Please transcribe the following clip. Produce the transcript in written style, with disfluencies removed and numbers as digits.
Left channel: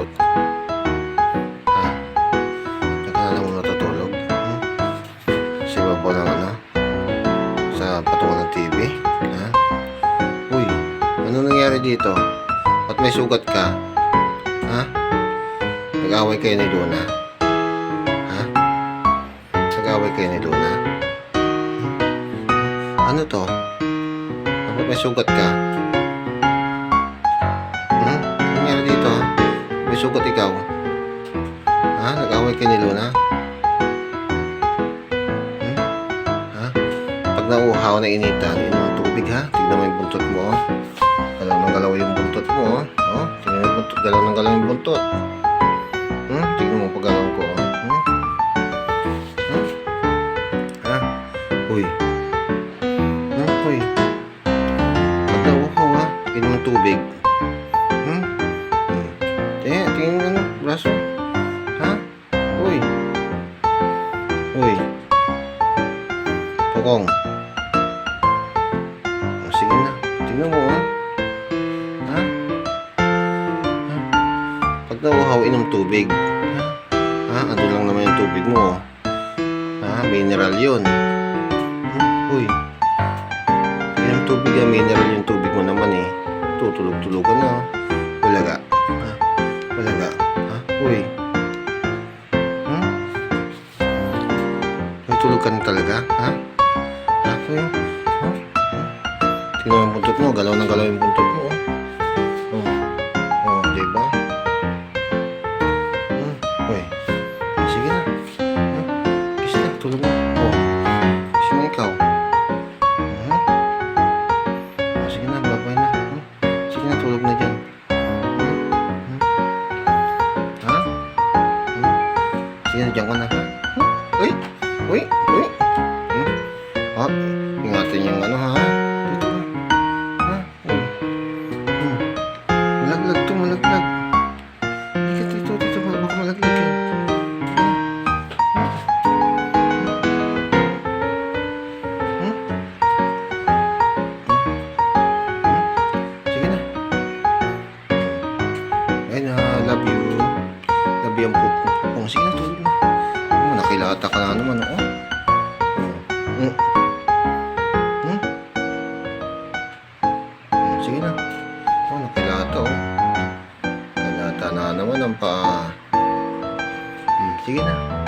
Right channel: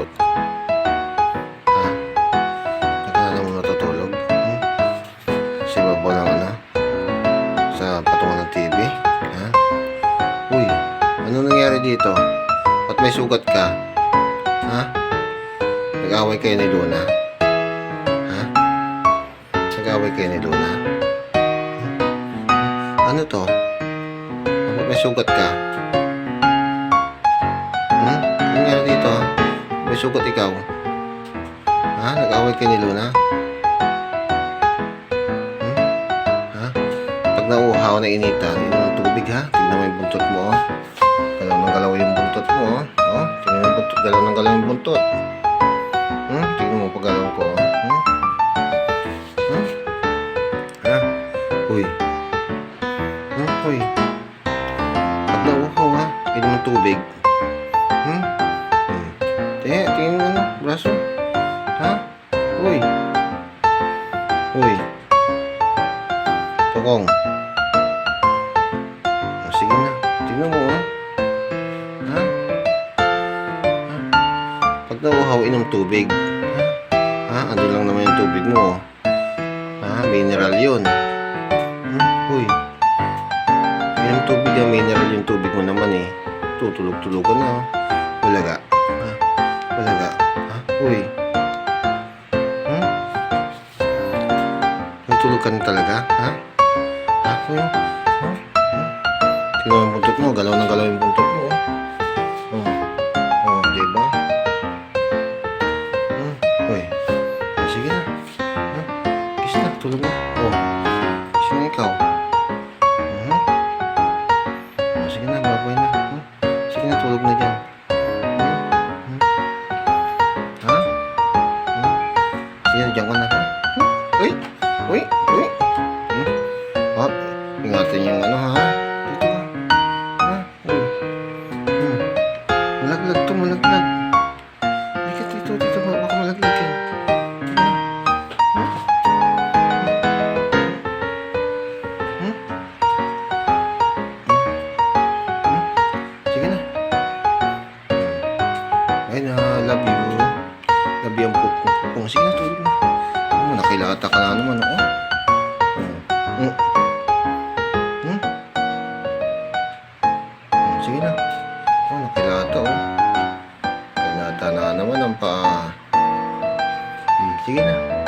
sumagot? Ha? Diyan ka na naman natutulog? Sa ibabaw ng ano? Sa patungan ng TV? Ha? Uy, ano nangyari dito? Ba't may sugat ka? Ha? Nag-away kayo ni Luna? Ha? Nag-away kayo ni Luna? Ano to? Ba't may sugat ka? Ano nangyari dito, ha? May sugat ikaw? Ha? Nag-away kayo ni Luna? Ha? Pag nauuhaw na initan, inom ng tubig, ha? Tignan mo yung buntot mo, oh. Galaw ng galaw yung buntot mo, oh. Oh, tignan mo yung buntot. Galaw ng galaw yung buntot. Tignan mo pag galaw ko, oh. Ha? Uy. Uy. Pag nauuhaw, ha? Inom ng tubig. Tingin mo ano, braso. Ha? Uy. Uy. Tokong. Sige na. Tingnan mo, ha? Ha? Pag nauuhaw, inom tubig. Ha? Ando lang naman yung tubig mo. Ha? Mineral yun. Uy. Inom tubig, ha? Mineral yung tubig mo naman, eh. Tutulog-tulogan na, ha? Walaga. Ha? Walaga. Ha? Uy. May tulog ka na talaga? Ha? Ha? Uy. Ha? Tingnan mo yung buntot mo. Galaw ng galaw yung buntot mo. Diba? Uy. Sige na. Kiss na. Tulog na. Kiss na ikaw. Sige na. Babay na. Sige na. Tulog na dyan. Ha? Sige na. Dyan ka na. Ha? Uy. Uy. Uy. Ingatan yung ano, ha? Dito ka. Ha? Uy. Malaglag to, malaglag. Halika dito, dito. Baka malaglag yan. Sige na. Ay na, love you. Love you ang pupong. Sige na, tulog na. Nakilata ka na naman, sige na. Nakilata, Nakilata na naman ang paa. Sige na.